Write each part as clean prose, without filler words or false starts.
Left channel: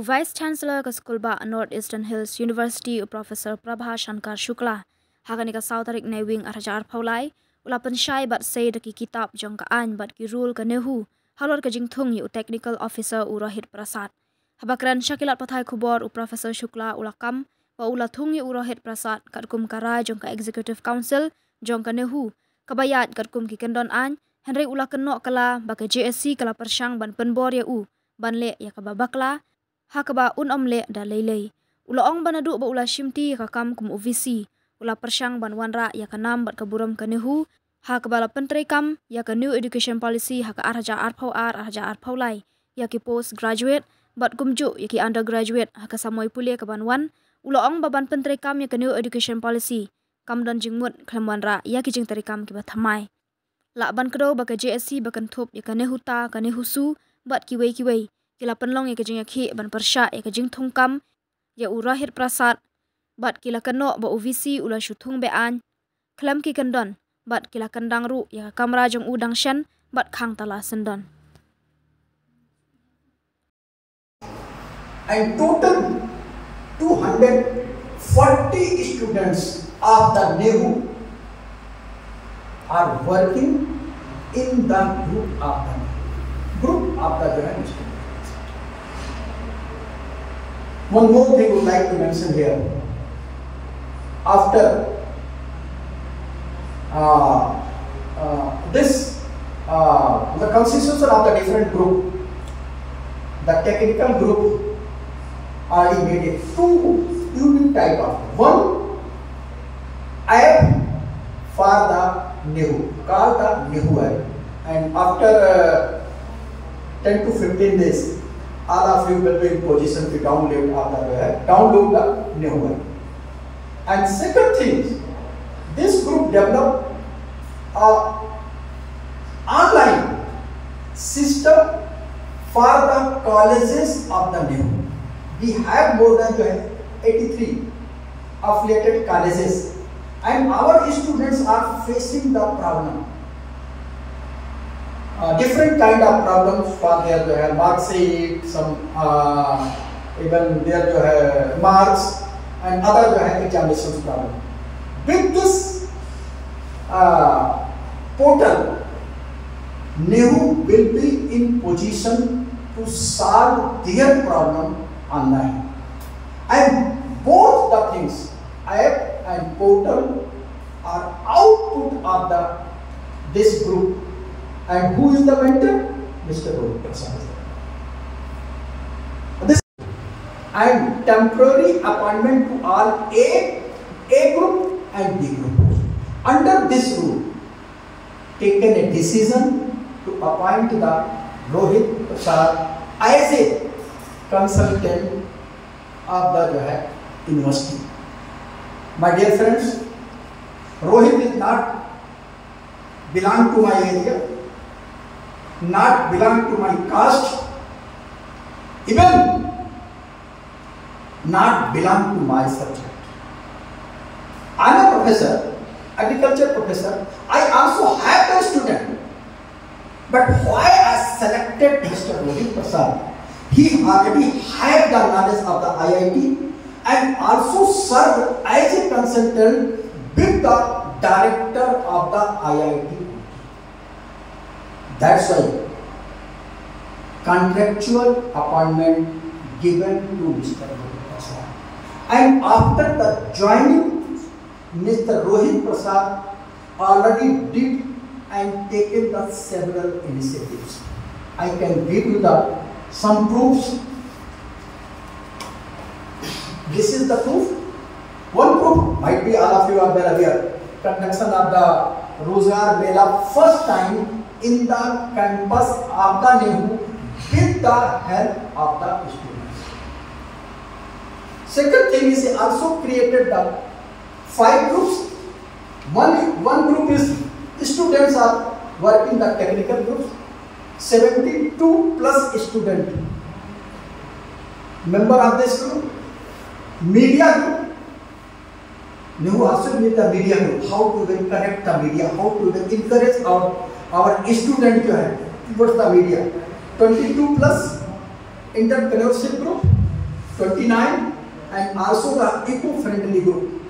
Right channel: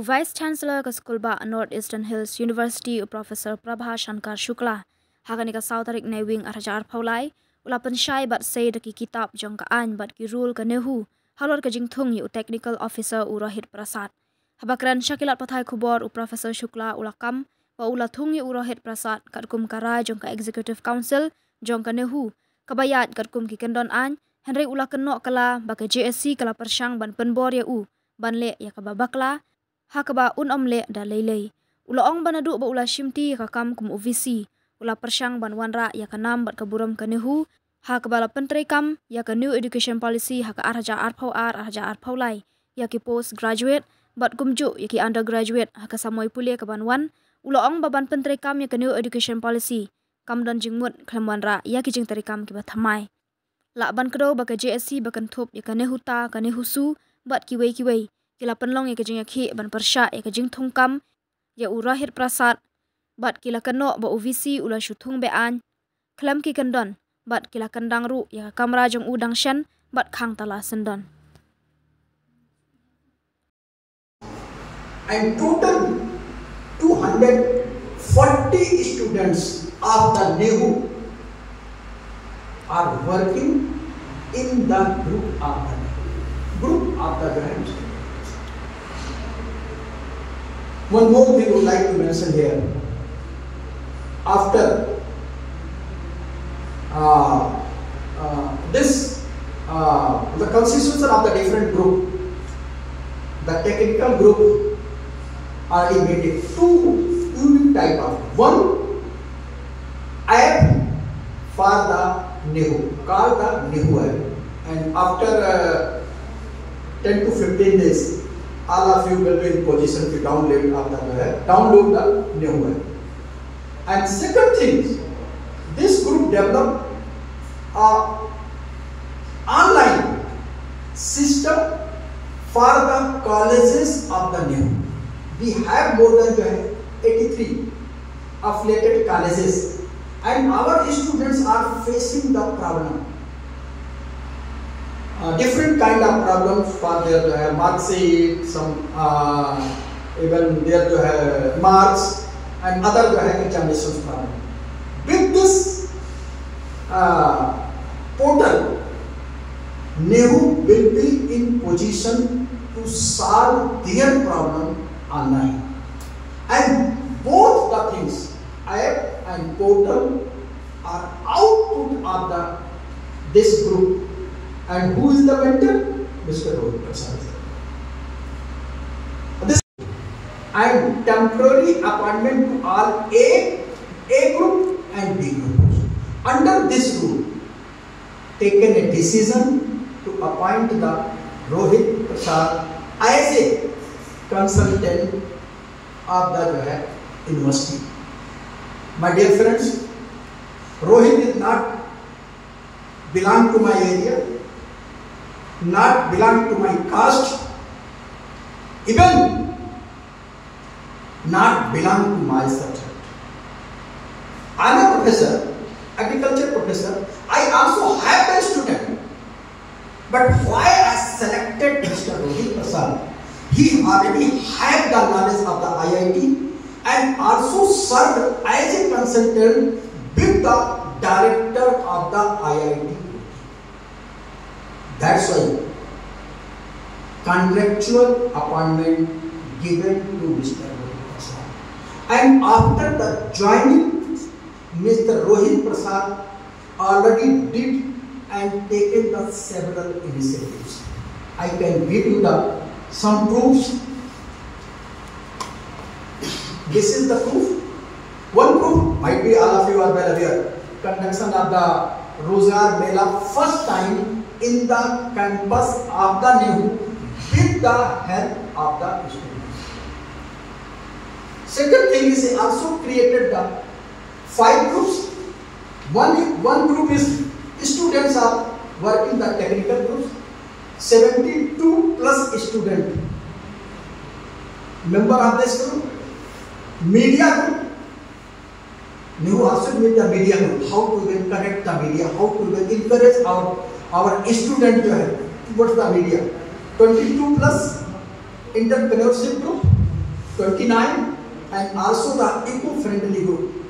Vice Chancellor ka School ba North Eastern Hills University Professor Prabha Shankar Shukla hagani ka South Tarik Newing Arjar Paulai ulapan syai bat say daki kitab jong ka an bat ki rule ka nehu halor ka jingthung yu Technical Officer u Rohit Prasad habakran syakilat pathai khubor u Professor Shukla ulakam wa ulathung yu Rohit Prasad katkum kara jong ka Executive Council jong ka nehu kabayat katkum ki kendon an Henry ulakan nok kala baka JSC kala persyang ban penbor ya u banle ya ka babakla hakaba omle da leilei ulaong banadu ba ula shimti kakam kum UVC ula persyang ban wanra ya kanam bat kaburam kanehu hakaba la pentrei kam ya ka New Education Policy haka arja arpaulai ya ki post graduate bat kumju ya ki undergraduate haka samoi pulia ka banwan ulaong baban pentrei kam ya ka New Education Policy kam dan jingmut klamwanra ya ki jing tarikam ki bathamai la ban kdo ba ka JSC bakan thop ya kanehu ta kanehu su bat kiwei kila penlong ya kejing yakhi ban persya ya kejing thungkam ya Rohit Prasad bat kila keno ba UVC ula shuthung bean klam ki kendon bat kila kendang ru ya kamra jong udang shan bat khang tala sendon. And total 240 students of the NEHU are working in the group of the students. One more thing we would like to mention here. After the constitution of the different group, the technical group are divided two unique type of one app for the NEHU, called the NEHU app, and after 10 to 15 days. All of you will be in position to download the NEHU app. And second thing, this group developed an online system for the colleges of the NEHU. We have more than 83 affiliated colleges, and our students are facing the problem. Different kind of problems for their mark sheet, some even their marks and other examinations problem. With this portal, NEHU will be in position to solve their problem online. And both the things, app and portal, are output of this group. And who is the mentor? Mr. Rohit Prasad. This and temporary appointment to all A group and B group. Under this rule, taken a decision to appoint the Rohit Prasad as a consultant of the university. My dear friends, Rohit is not belong to my area, not belong to my caste, even not belong to my subject. I am a professor, agriculture professor. I also have a student. But why I selected Mr. Rohit Prasad? He already had the knowledge of the IIT and also served as a consultant with the director of the IIT. That's why contractual appointment given to Mr. Rohit Prasad. And after the joining, Mr. Rohit Prasad already did and taken the several initiatives. I can give you some proofs. This is the proof. One proof might be all of you are well aware. Conduction of the Rozgar Mela first time in the campus of the NEHU with the help of the students. Second thing is he also created the 5 groups. One group is students are working the technical groups. 72 plus student member of this group. Media group. NEHU also need the media group. How to even connect the media? How to even encourage our student towards the media. 22 plus entrepreneurship group. 29, and also the eco-friendly group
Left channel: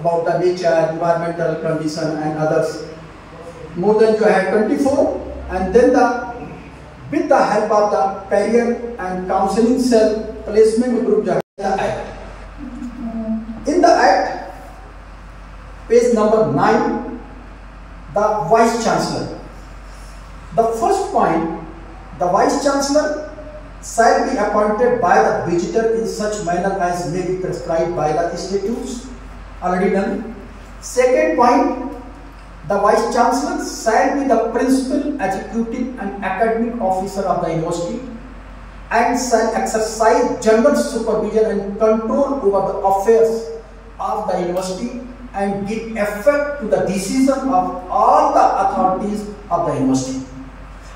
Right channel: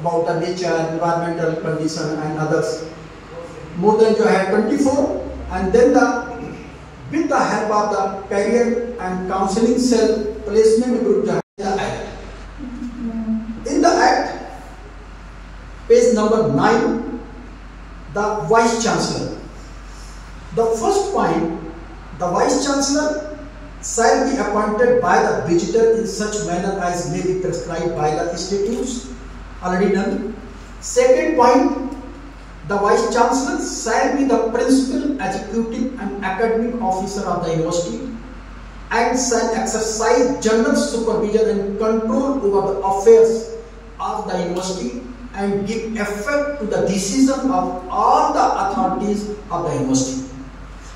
about the nature, environmental condition and others. More than 24, and then with the help of the career and counseling cell placement group in the act. In the act, page number 9, the Vice Chancellor. The first point, the Vice Chancellor shall be appointed by the visitor in such manner as may be prescribed by the statutes. Already done. Second point, the Vice Chancellor shall be the principal executive and academic officer of the university and shall exercise general supervision and control over the affairs of the university and give effect to the decision of all the authorities of the university.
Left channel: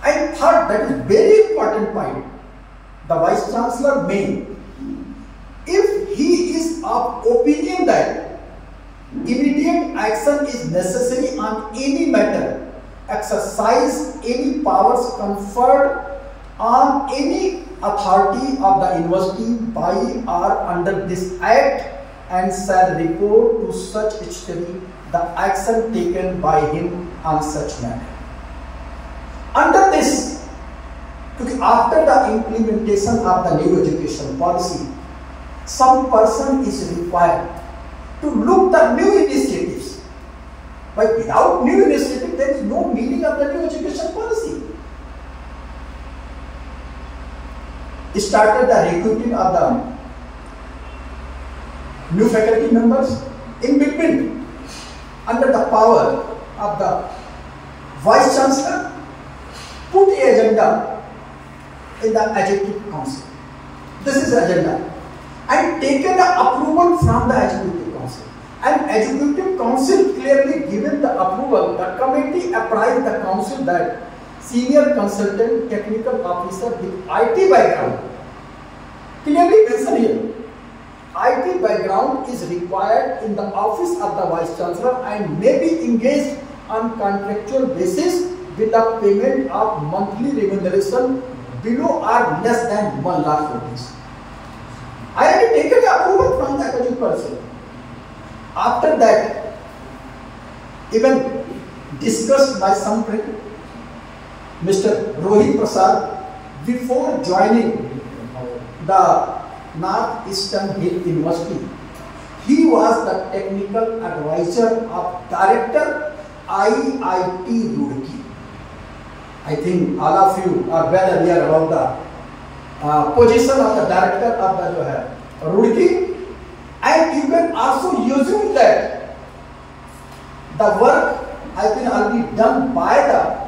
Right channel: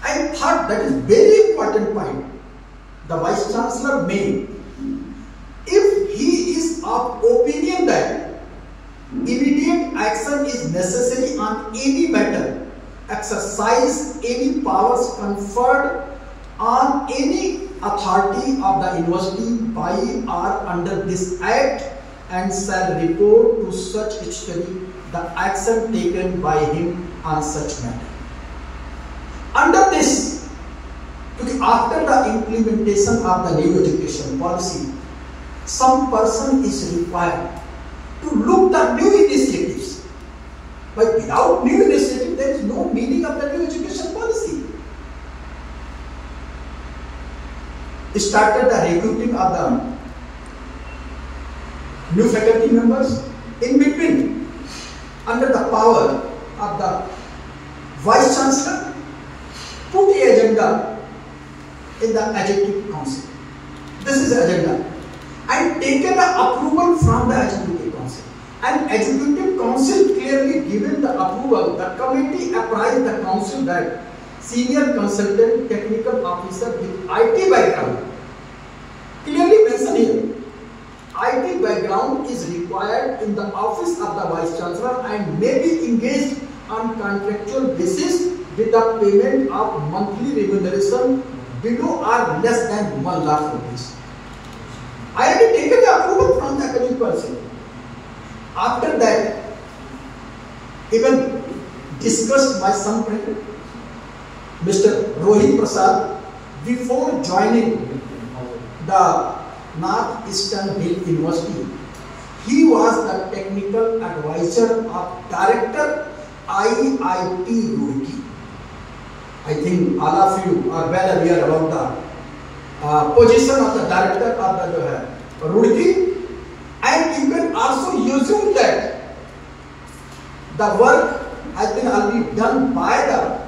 And third, that is very important point, the Vice Chancellor may, if he is of opinion that immediate action is necessary on any matter, exercise any powers conferred on any authority of the university by or under this act, and shall report to such extent the action taken by him on such matter. Under this, after the implementation of the new education policy, some person is required to look the new initiatives. But without new initiative, there is no meaning of the new education policy. It started the recruiting of the new faculty members. In between, under the power of the Vice Chancellor, put the agenda in the Executive Council. This is agenda. And taken the approval from the Executive Council. And Executive Council clearly given the approval. The committee apprised the Council that senior consultant technical officer with IT background, clearly mentioned here, IT background is required in the office of the Vice Chancellor and may be engaged on contractual basis with the payment of monthly remuneration below or less than 1 lakh rupees. I already taken the approval from the academic person. After that, even discussed by some friend, Mr. Rohit Prasad, before joining the Northeastern Hill University, he was the technical advisor of Director IIT Roorkee. I think all of you are well aware about the position of the director of the Roorkee, and you can also assume that the work has been already done by the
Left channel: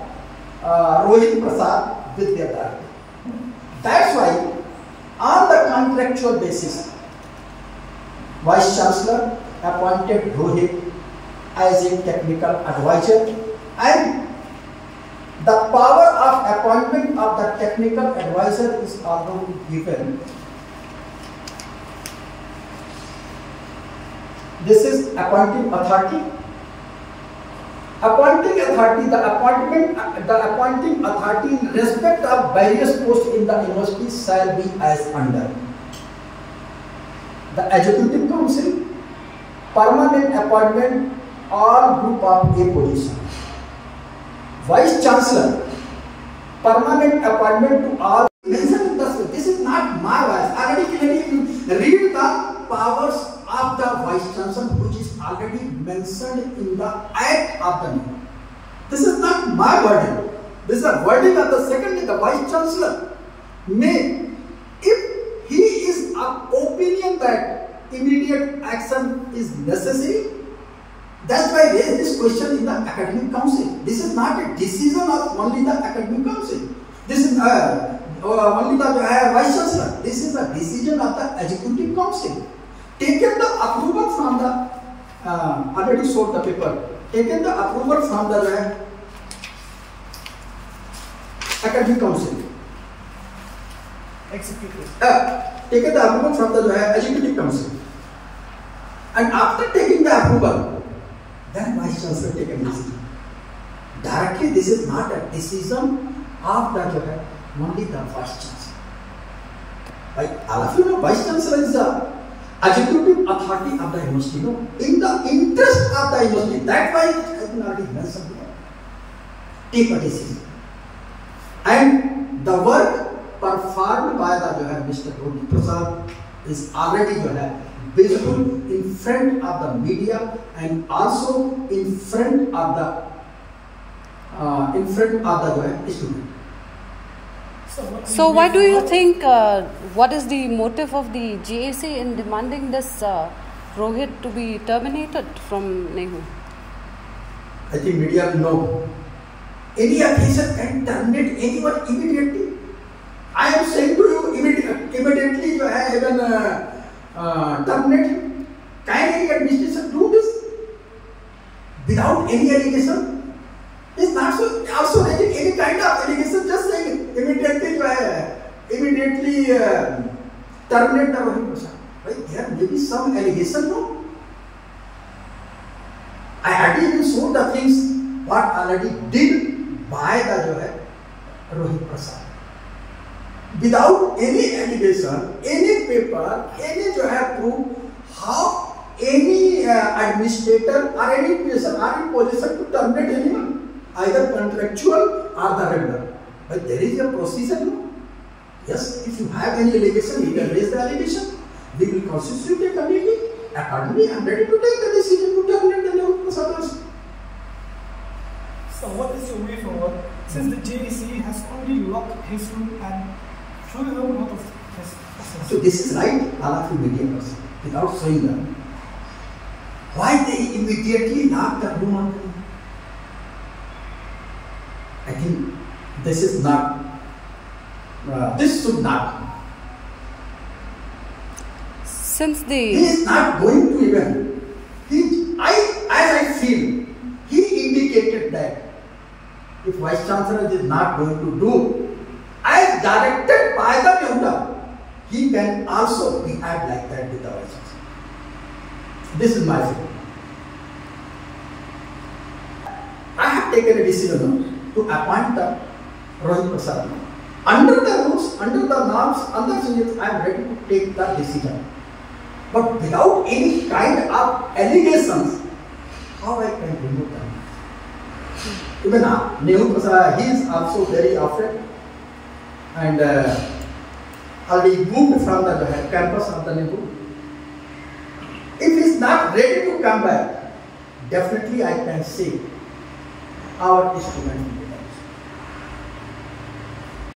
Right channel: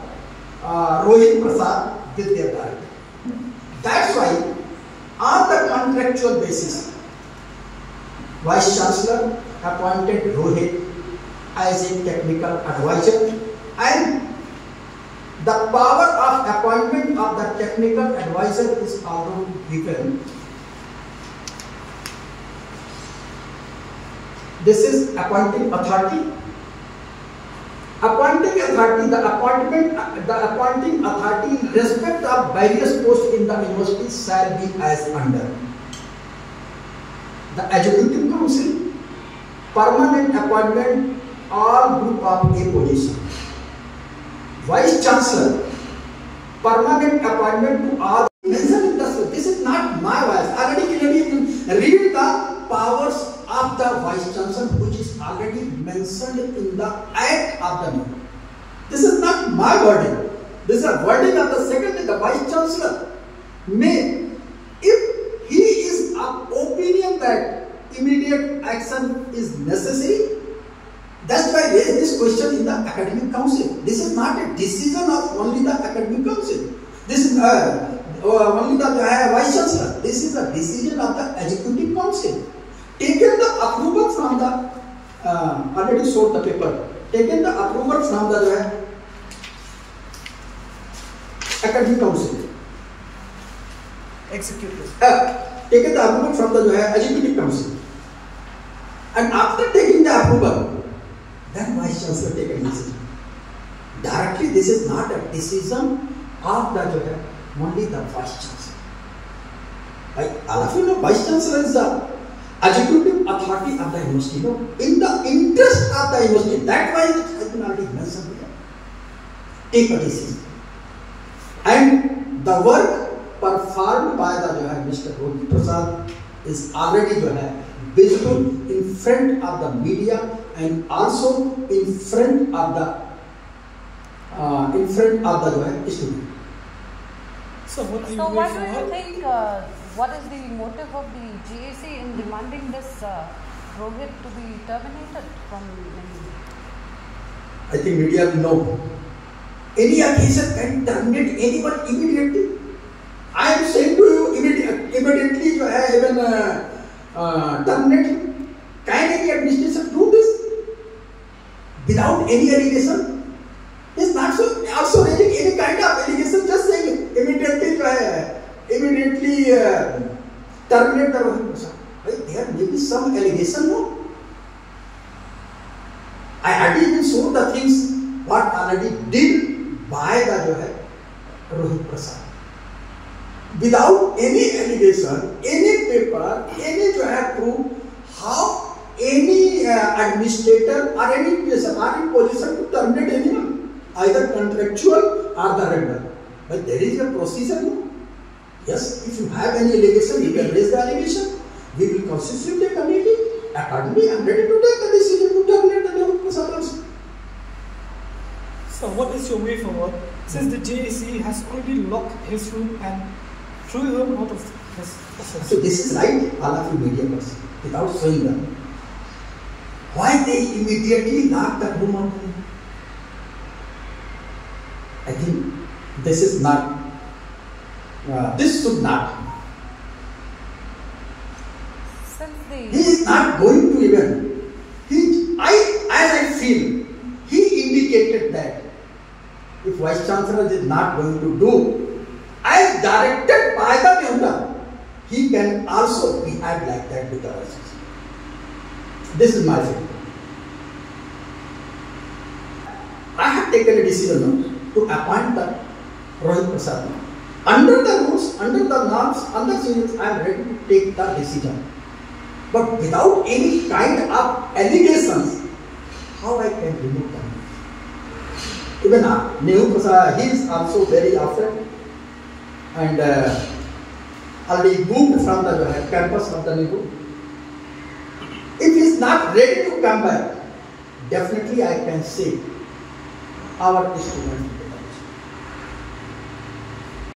Rohit Prasad with their director. That's why, on the contractual basis, Vice Chancellor appointed Rohit as a technical advisor, and the power of appointment of the technical advisor is also given. This is appointing authority. Appointing authority, the appointing authority in respect of various posts in the university shall be as under. The Executive Council, permanent appointment all group of A position. Vice Chancellor, permanent appointment to all. This is not my voice. Already read the powers of the Vice Chancellor, which is already mentioned in the Act of the New. This is not my wording. This is a wording of the second. The Vice Chancellor may, if he is of opinion that immediate action is necessary, that's why I raised this question in the Academic Council. This is not a decision of only the Academic Council. This is only the Vice Chancellor. This is a decision of the Executive Council. Taken the approval from the, already showed the paper, taken the approval from the Academic Council. Executive. Taken the approval from the Executive Council. And after taking the approval, then Vice Chancellor take a decision. Directly, this is not a decision of the only the Vice Chancellor. Right? All of you know, Vice Chancellor is the executive authority of the university. No? In the interest of the university, that's why it has been already mentioned here. Take a decision. And the work performed by the Mr. Rohit Prasad is already visible in front of the media and also in front of the student. So why do you think, what is the motive of the GAC in demanding this Rohit to be terminated from NEHU? I think media will know. Any occasion can terminate anyone immediately. I am saying to you immediately you have even terminate him. Can any administration do this without any allegation? It's not so also raising any kind of allegation, just saying immediately terminate the Rohit Prasad. Right? There may be some allegation, no? I had even shown the things what already did by the Rohit Prasad. Without any allegation, any paper, any proof, how any administrator or any person are in position to terminate anyone, either contractual or the regular. But there is a procedure, no? Yes, if you have any allegation, you can raise the allegation. We will constitute a committee. Accordingly, I am ready to take the decision to terminate the Rohit Prasad also. So what is your way forward? Since the JAC has already locked his room and threw him out of his office. So this is right, all of you media person, without showing them. Why they immediately lock the room on him? I think this is not, this should not. Since the... He is not going to even, as I feel, he indicated that if Vice Chancellor is not going to do as directed by the Mehta, he can also behave like that with the Vice Chancellor. This is my feeling. I have taken a decision to appoint the Rohit Prasad. Under the rules, under the norms, under the rules, I am ready to take the decision. But without any kind of allegations, how I can remove them? Even Nehu Prasad, he is also very often and already moved from the campus of the Nehu. If he is not ready to come back, definitely I can say our student